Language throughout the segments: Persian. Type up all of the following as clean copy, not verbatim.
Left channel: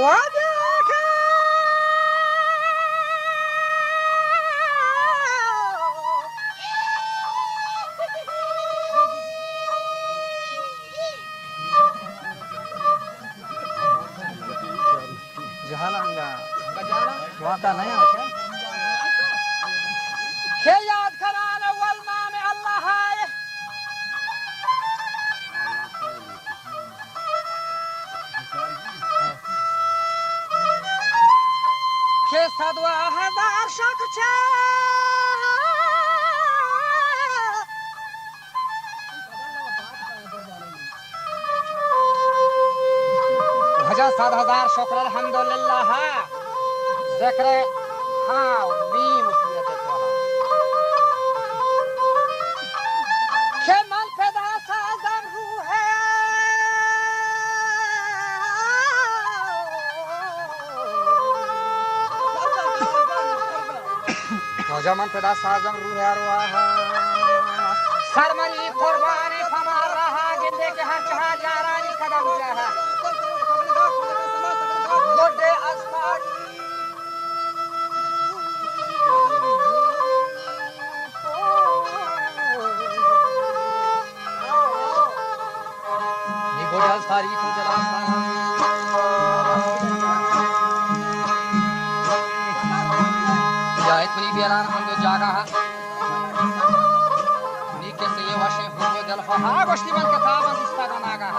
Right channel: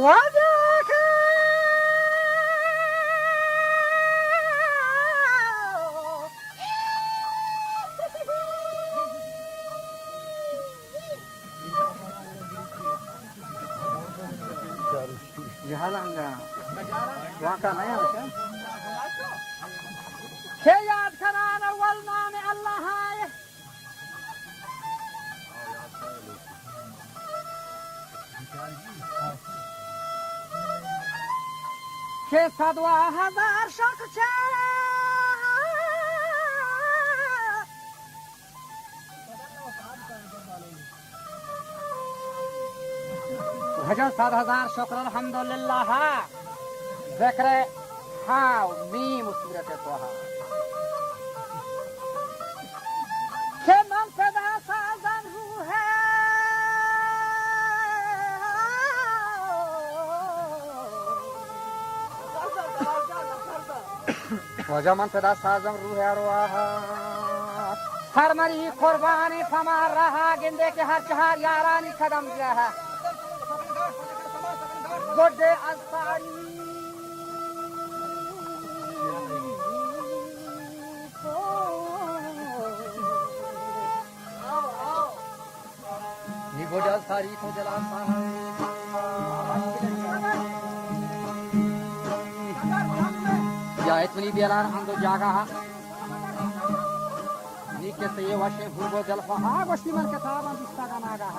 وذاك जहालांगा वहाँ का नहीं है क्या के याद कराना अव्वल नाम अल्लाह है के सदवा हजार शक छा हजार 7000 शुक्र अल्हम्दुलिल्लाह ذکر हाँ मीम सूरत तोहा के मन पैदा साजन है वजह मन पैदा साजन रूह अरवाह सरमरी कुर्बानी फमार रहा गिंदे के हर चहार यारानी कदम जहा गोडे अस्तारी नी गोडे अस्तारी तो जलासा या इतनी बेलान अंदो जागा नी के से ये वशे हुबो जलफा हा गोश्ती मन कथाबन दिस्ता Naga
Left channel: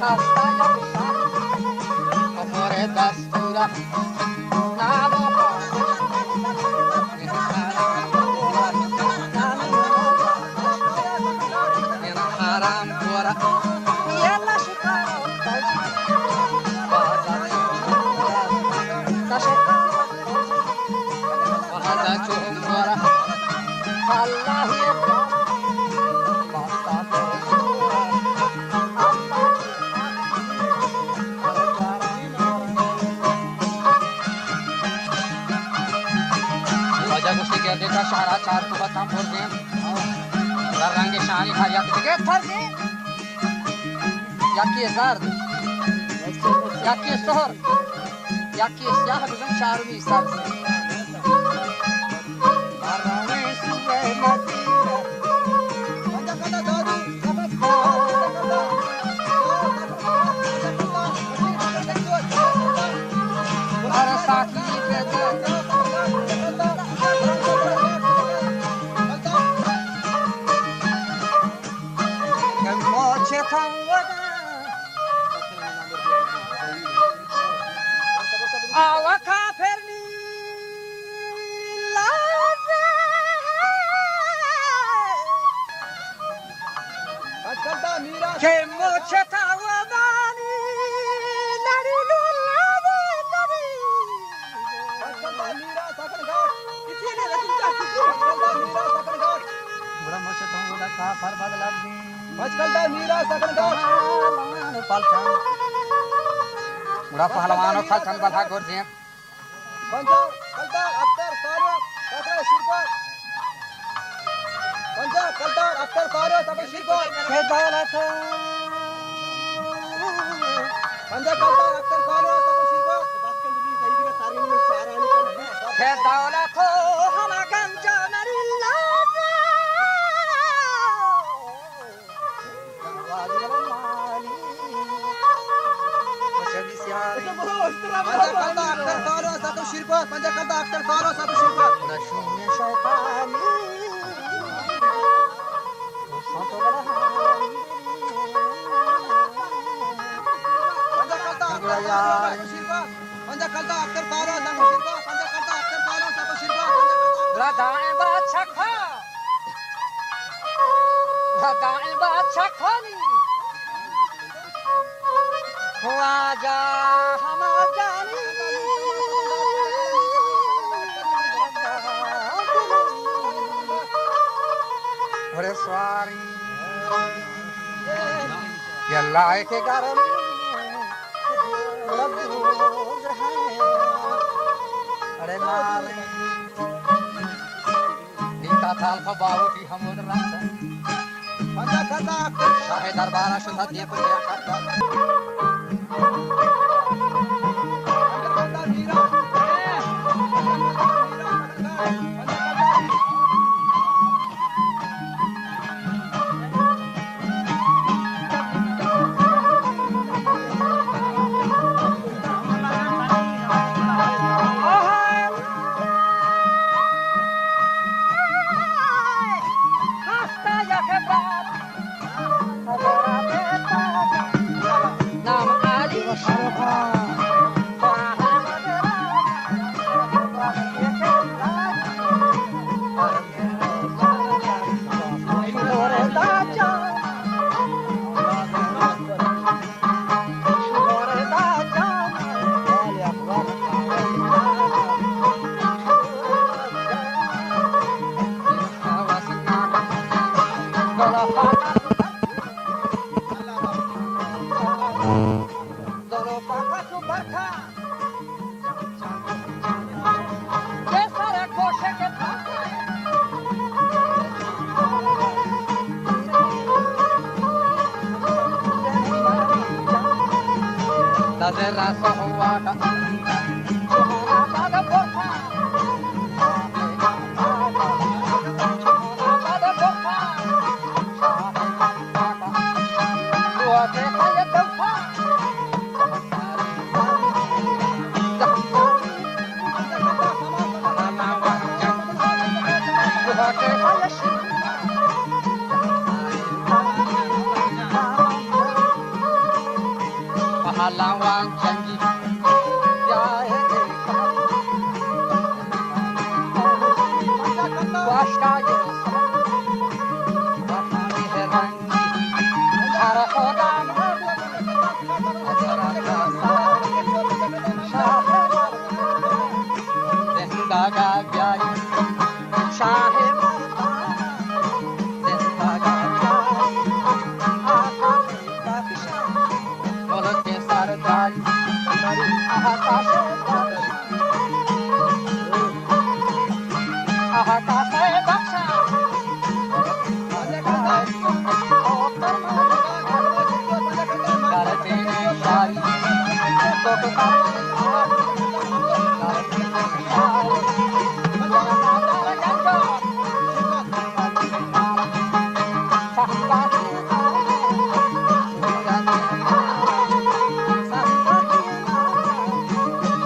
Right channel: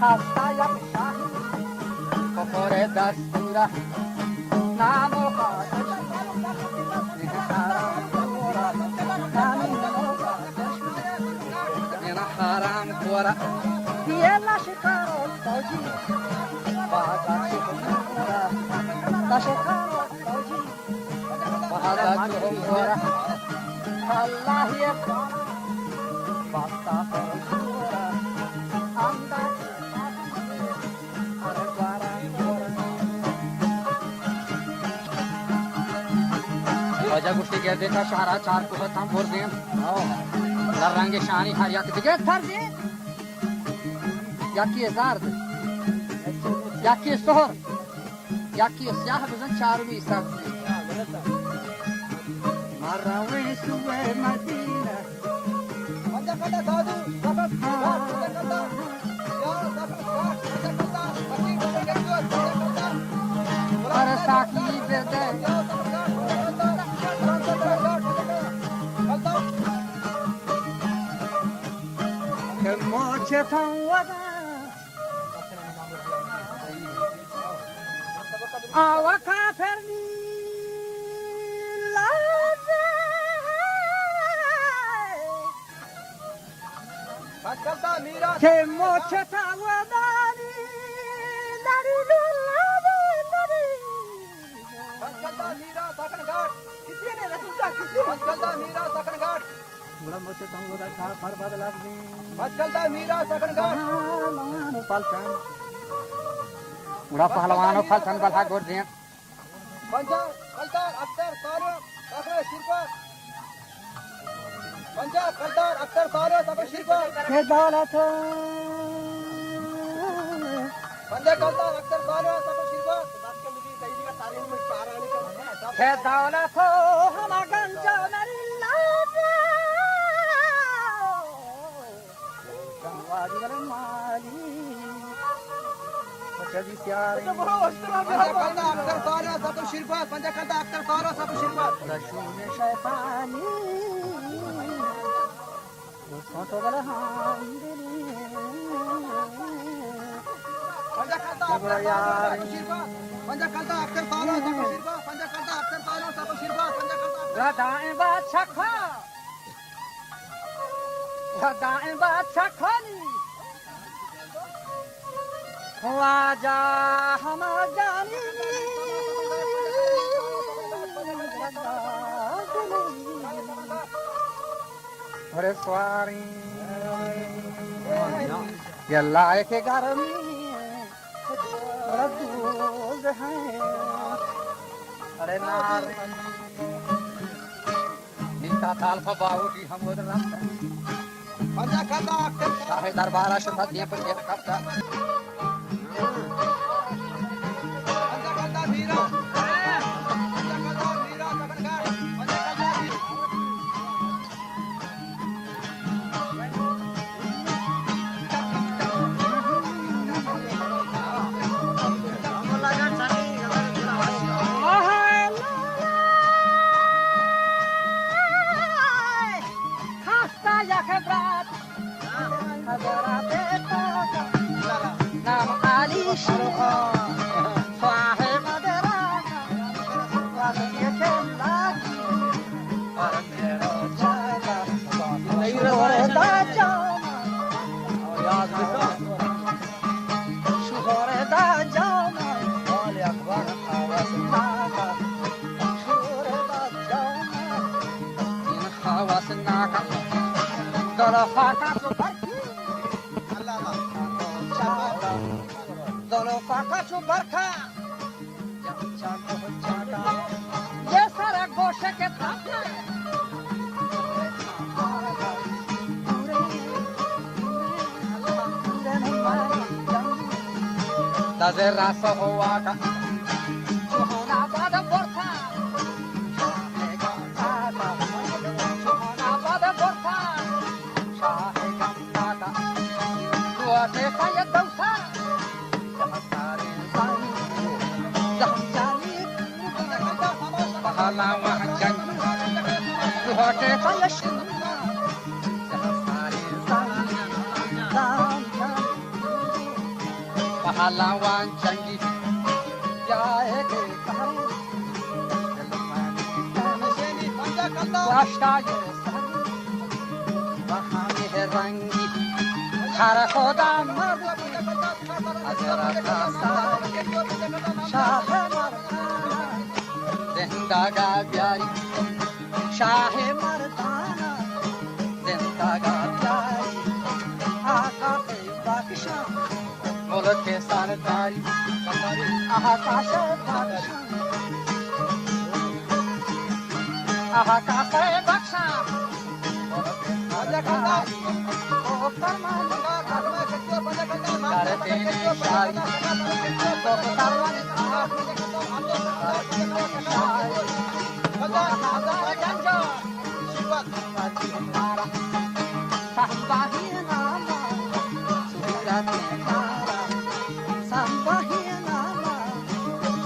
Hasta ya Kofore dastura Namo haram kora Yella shikaro fauji Baza chuhumura Tashikaro fauji Baza chuhumura Allah ye Raja Gusti girdi ka shahra char kuhatam burdem rang shani har yak dige tharde yaki zard yaki sohor yaki siyah bizan charmi isar marawe suwe madina har saki bede Awa kaperni lade Ke mocheta wamani Lari lulade lari Bura mocheta wada ka par badla di Muda pahlawan faltan balha gordien Banja kalta aktar sara sakra shirpa Banja kalta aktar sara sakra shirpa ke daulat Banja kalta aktar sara sakra shirpa daskan dili daidi ka tarin mein sara ani ke daulat hama ganja marilla Banja kalta aktar sara sakra shirpa Banja kalta aktar sara sakra shirpa Rashmi shaykhani Santo bala hamdini Banja kalta aktar sara sakra shirpa Banja kalta aktar sara sakra shirpa Banja kalta aktar sara sakra shirpa Radain baat shakha Radain baat shakhani Raja hama jani Hare swari Yalla ke garam Labduz hai Hare nare Nita thalfa bahu ki hamod rasta Banja kalta aktar Shahe darbara shudha deep sher kapta Nam Ali Shah Fahe Madara Rakiya Kelaki Paramero Chaka Shuhore da Jana Shuhore da Jana Hawas Naka Shuhore da Jana Hawas Naka Gala Faka Dono paka chubarka Jancha ko chata Ye sara goshe ke thaka Daze rasa hoa ka Chuhona bada bortha Chuhona bada bortha Shahe gamta ka Lua te kaya dausa Ke faya shina पहलवान जंगी जाए के कहानी वाश्ताये वहानी है रंगी हर खुदा मर्द अजरा का सारी शाह मर्दाना जिंदा गा प्यारी शाह मर्दाना जिंदा गा प्यारी आका के बख्शा मुल्क के सरदारी आका से बख्शा आका से बख्शा मुल्क के सरदारी ओ फरमान कर देने शारी तो करना कर देने शारी नमाज़ जंजो मजी मारा साहबाही नामा सुहूरत मारा साहबाही नामा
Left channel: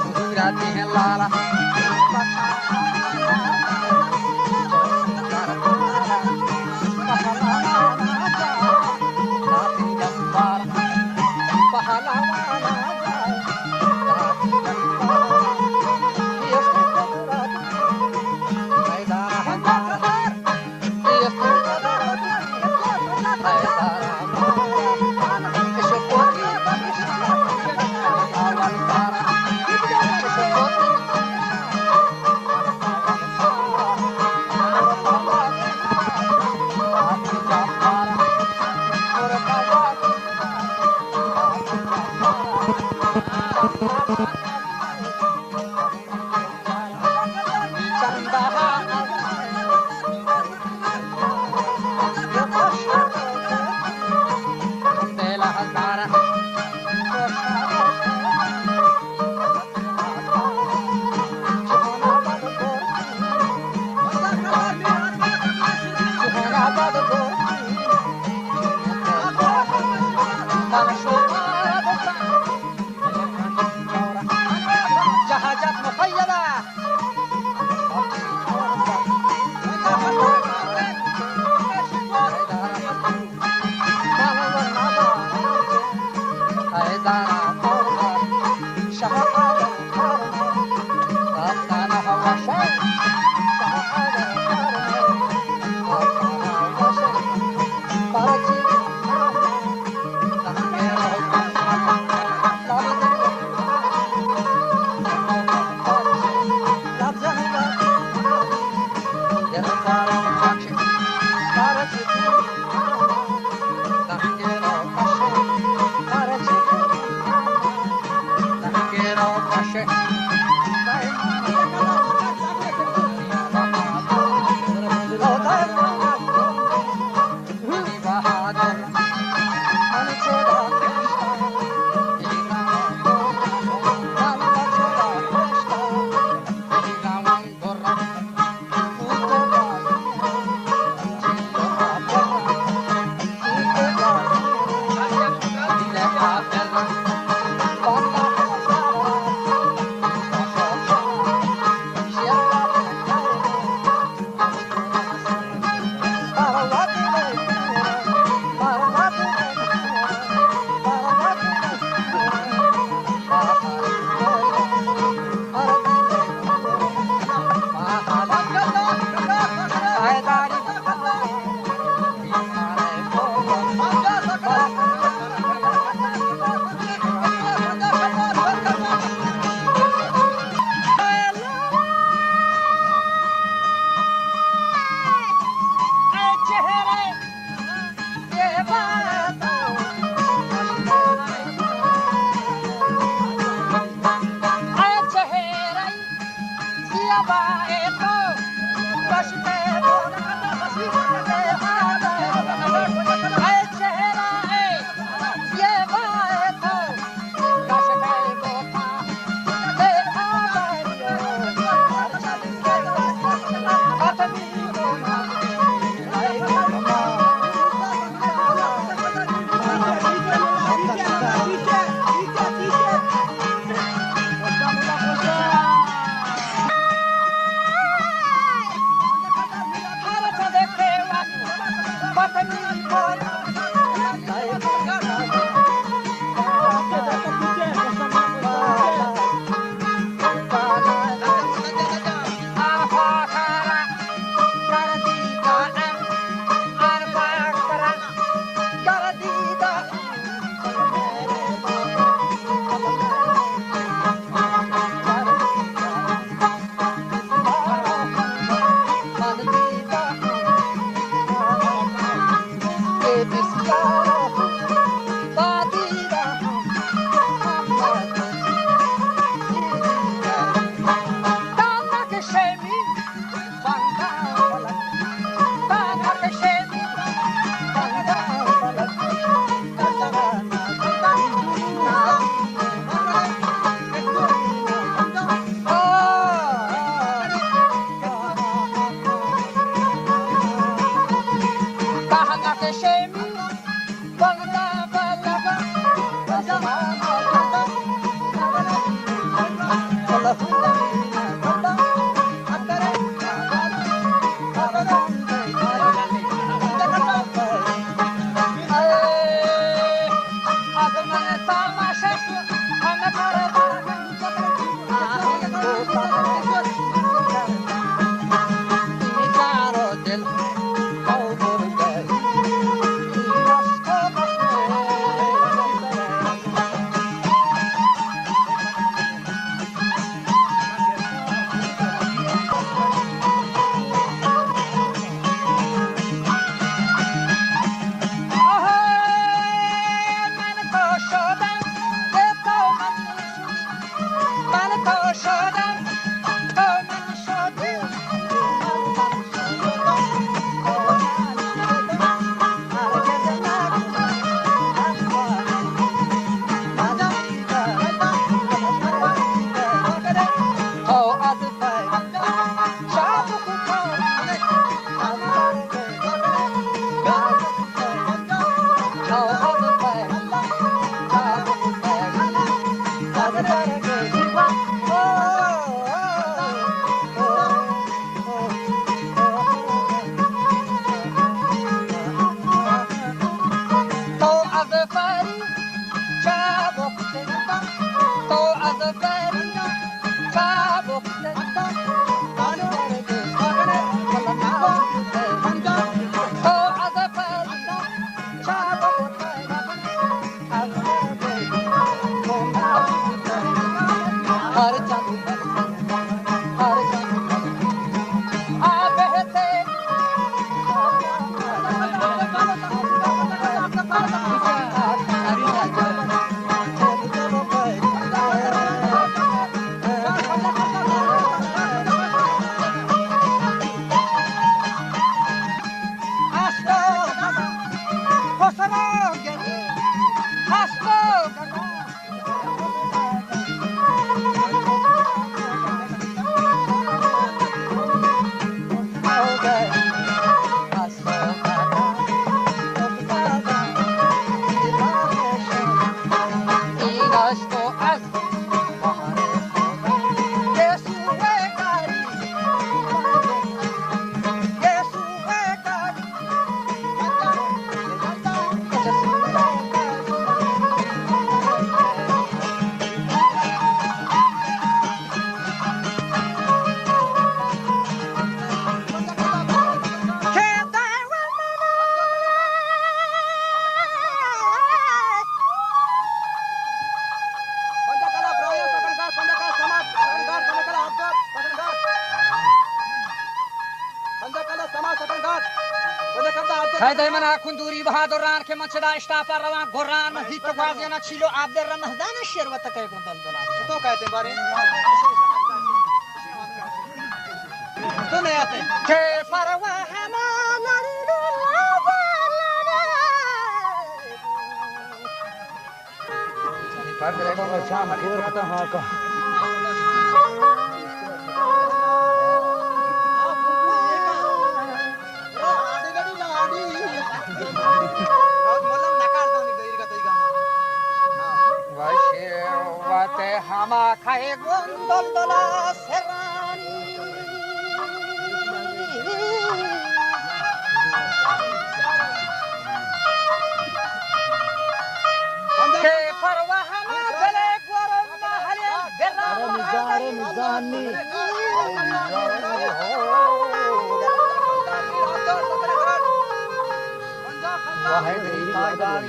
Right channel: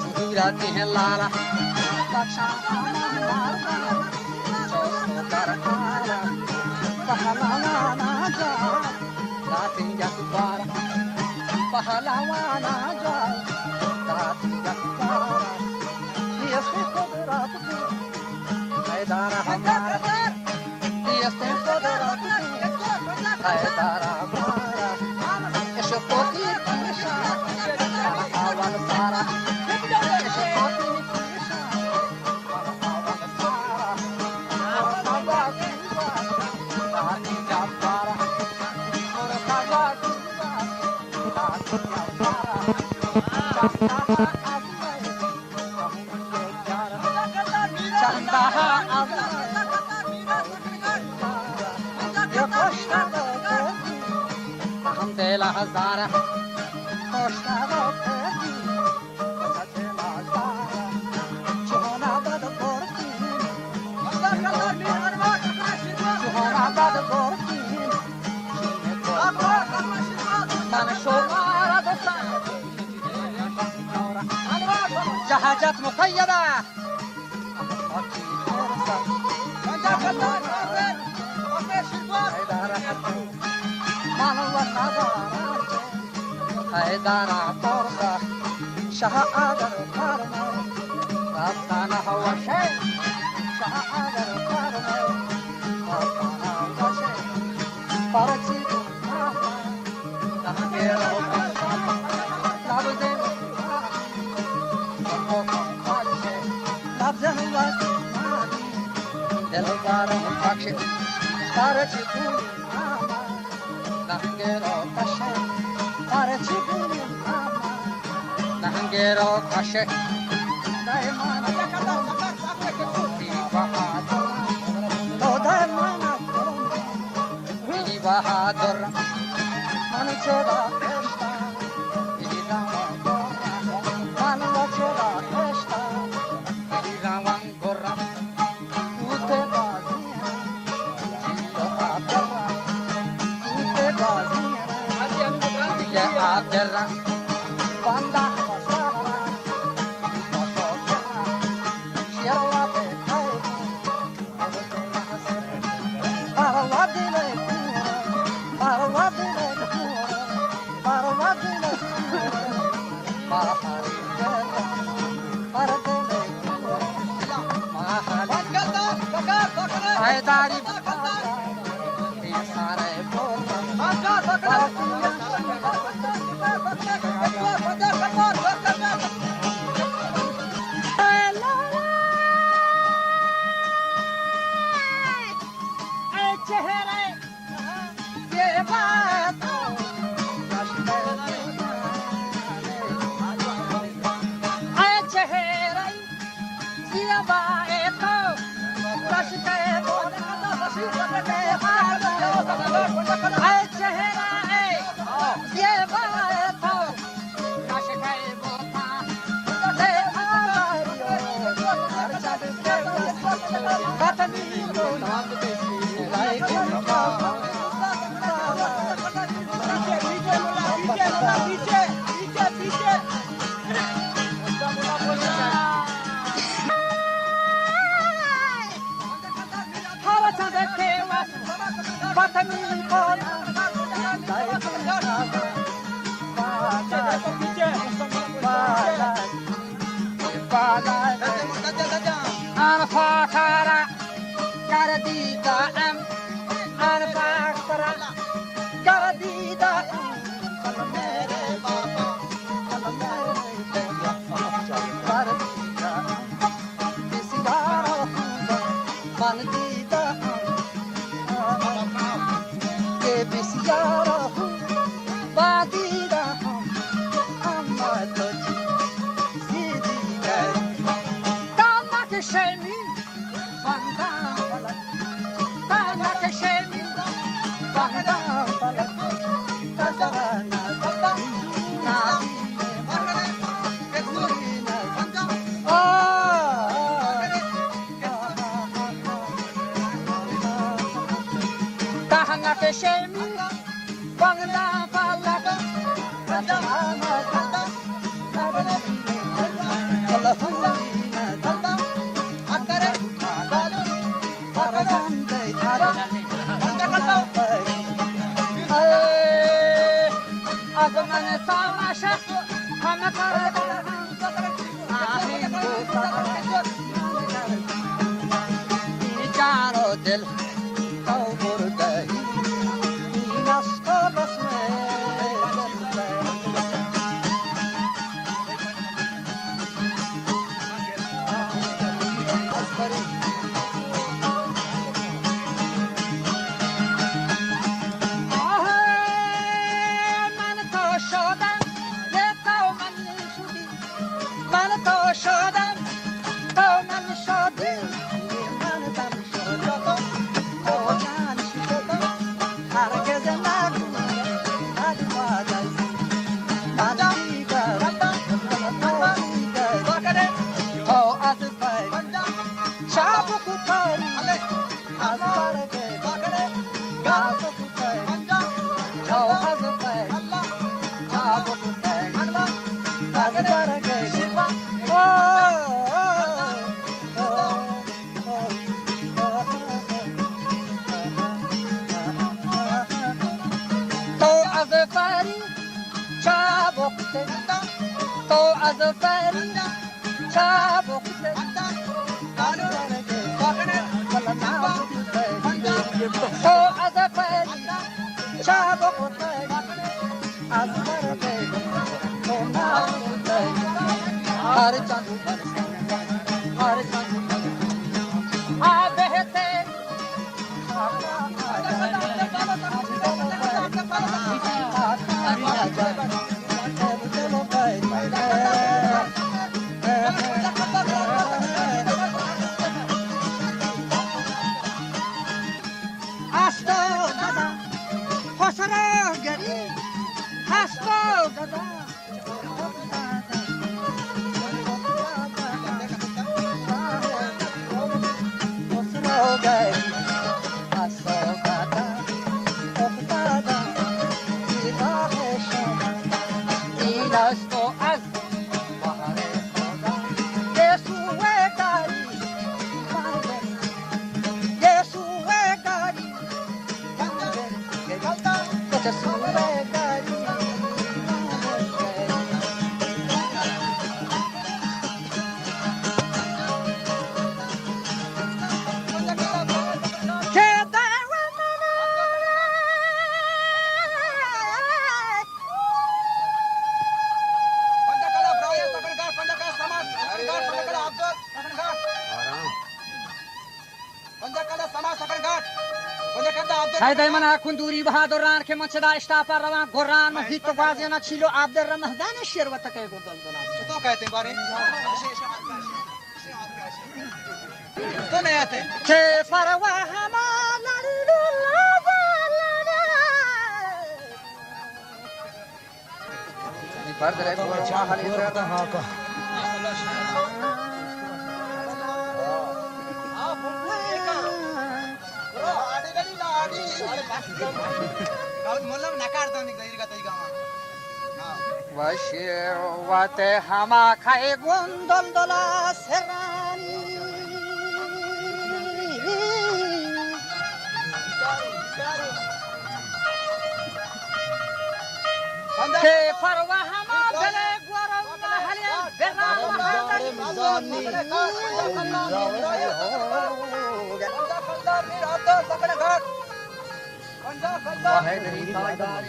सुहूरत लाला बख्शा मारना जैसे कर आला पहलवाना जाए दाती जसवारा पहलवाना जाए दाती जसवारा ये कुदरत की हैदार हमारा ये कुदरत की हैदार हमारा इश्क़ की पीशा अवल सारा इश्क़ की पीशा अवल सारा और बाबा की दाती जसवारा और बाबा की दाती जसवारा चंदा ये खुशहाल हम दिल हजारा खुशहाल चुना बद बोरती चुना बद बोरती मन शोमारा दोस्ता जहाजत मुक़य्यदा हैदारा तोरसा शाह आगर फरमा रास्ताना हवा शे शाह आगर फरमा रास्ताना हवा शे परची नंगे लब दे लब जनुवा दिलदार मुकाश परची पूरी नंगे रो कशे परची Nangero kashe daimana bahadur lo daimana mini bahadur mani choda krishna mini bahadur mani choda krishna mini ravan gorra ute bazi chillo aperra ute bazi dile aperra banda Dari دائما اكون دوری بهادران که منچدا اشتاپا روان گران محیط غازینا چیلو عبد الرحمن شیروت که گندل دلات तो कहते हैं बारे तो नहीं आते که فروا هما لالو لا فرد له ورما حالي زیاده وشیروت هما خای گندل دلا سرانی که فروا هما بله گورم هلی برنامه و حیدری پایداری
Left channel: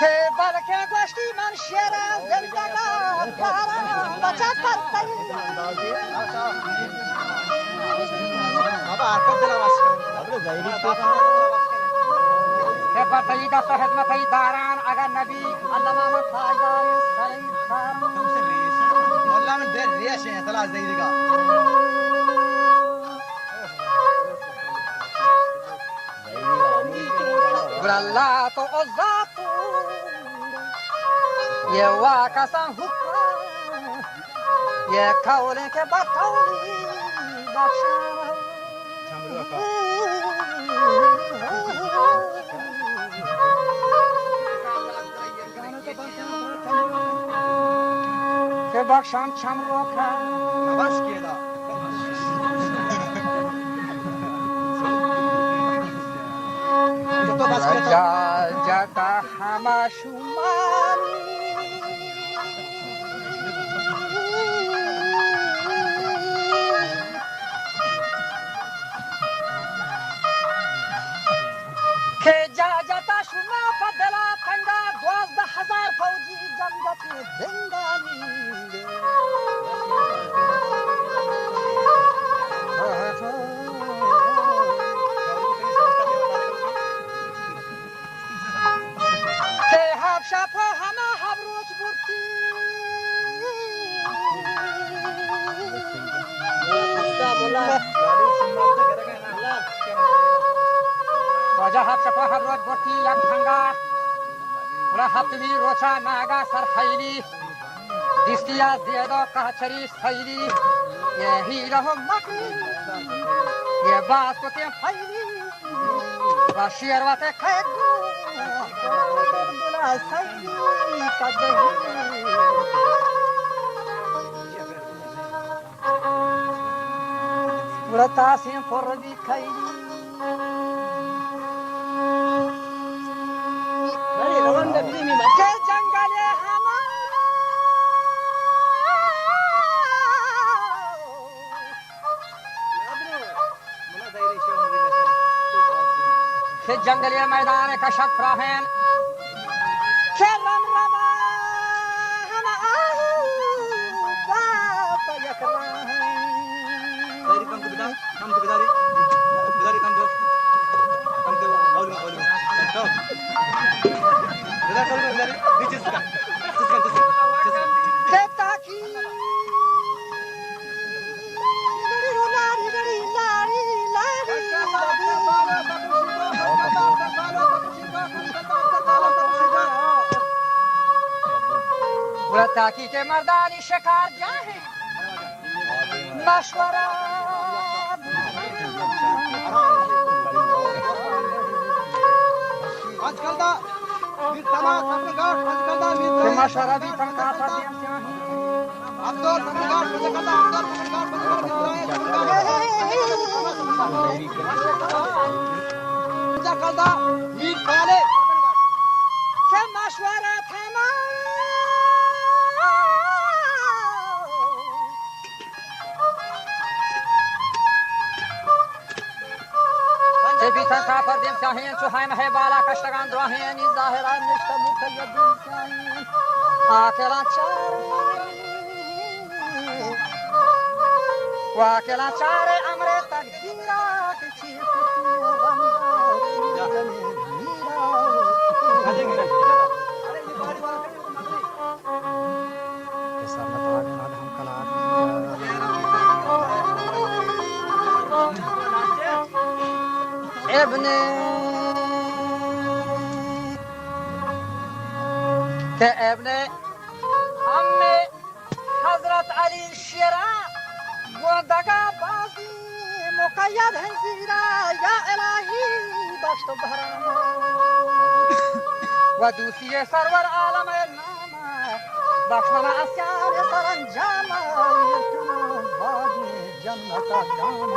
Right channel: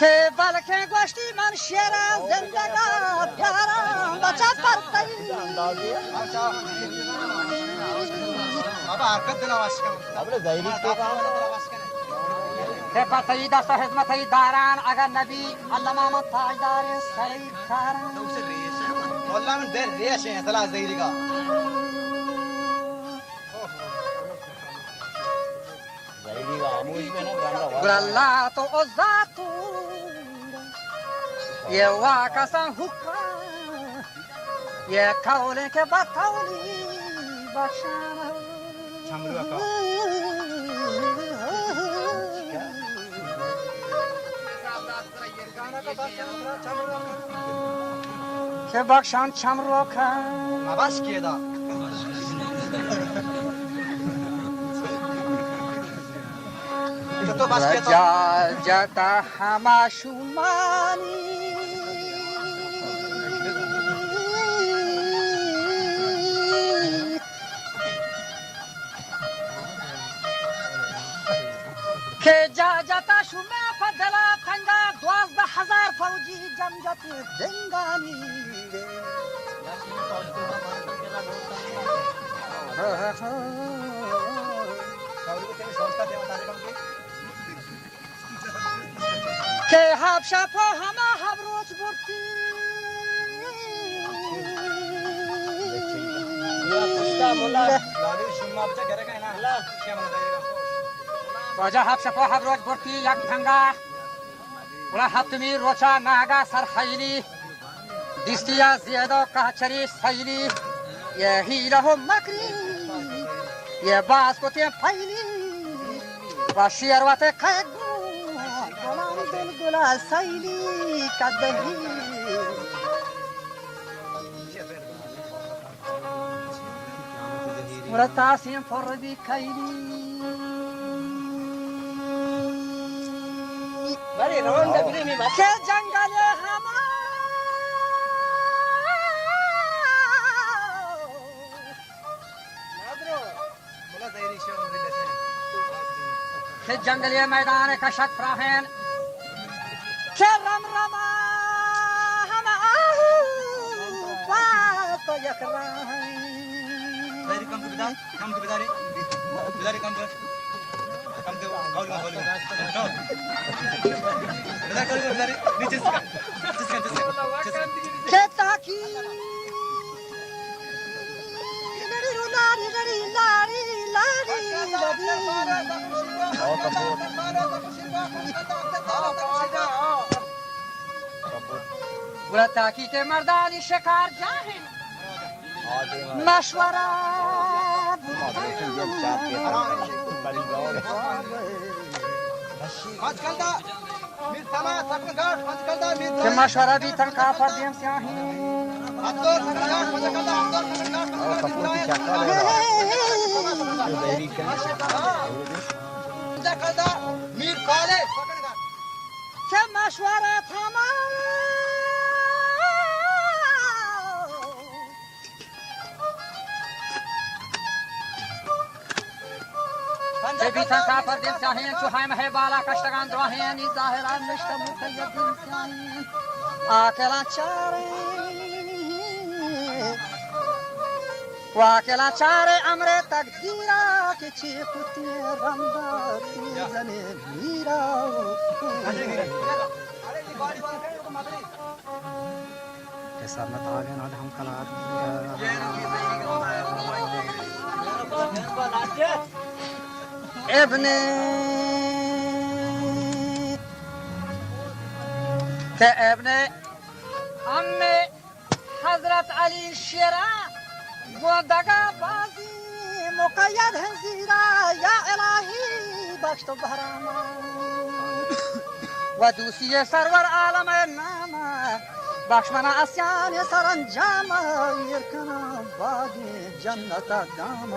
که بلکه گوشتی من شیر زندگار بیارم بچه پرتایی که پرتایی دست و حزمتی دارن اگر نبی علما من تاجدار سری کارن والله من دير ليش يا ثلاث دقيقة برالله تو عزتو یه واکسان حکم یه قولی که با قولی بخشم که بخشم چمرو کن ما باش كده تو باش كده جاتا همه شمانی که جاتا شما پدلا تنگا 12,000 فوجی جنگت زندانی که هب شفا همه هب روز برتی واجه هب شفا هب روز برتی یک تنگا ولا هفتمی روچا ناگا سر خیلی دیستیا زیادا قهچری سیلی یه هیله و مکری یه باز کتیم پیلی و شیروت قیدو دلال دلال سیلی کدهی ولا تاسیم فردی کیلی که جنگل همه که جنگل میدان کشک فراهن که رم رما همه باپ یک راهن कम के बिदारी कम दो और तो बिदारी नीचे से که تاکی لاری رو لاری لاری لاری لاری لاری تاکی که مردانی شکار جاهن مشوره आजकल दा मीर तला सकलगाट आजकल दा मीर که مشوره بیتن کافر دیم سیاهی अब्दुल सकलगाट आजकल दा आजकल दा मीर काले که مشوره تمام که بیتن کافر دیم سیاهین چو های مه بالا کشتگان دراهین ای ظاهران نشته موکل دیم سیاهین آکلان چاره و آکلان چاره امر تقدیرا که چی کتی رمدا تی زمین میرا که سرمت آگین آدم کلاد ابن که ابن ام حضرت علی شیرا گودگا بازی مقید هنزیرا یا الهی بخشت و بهراما و دوسی سرور عالم نام بخش من اسیان سرانجام یرکنم بادی جنت گام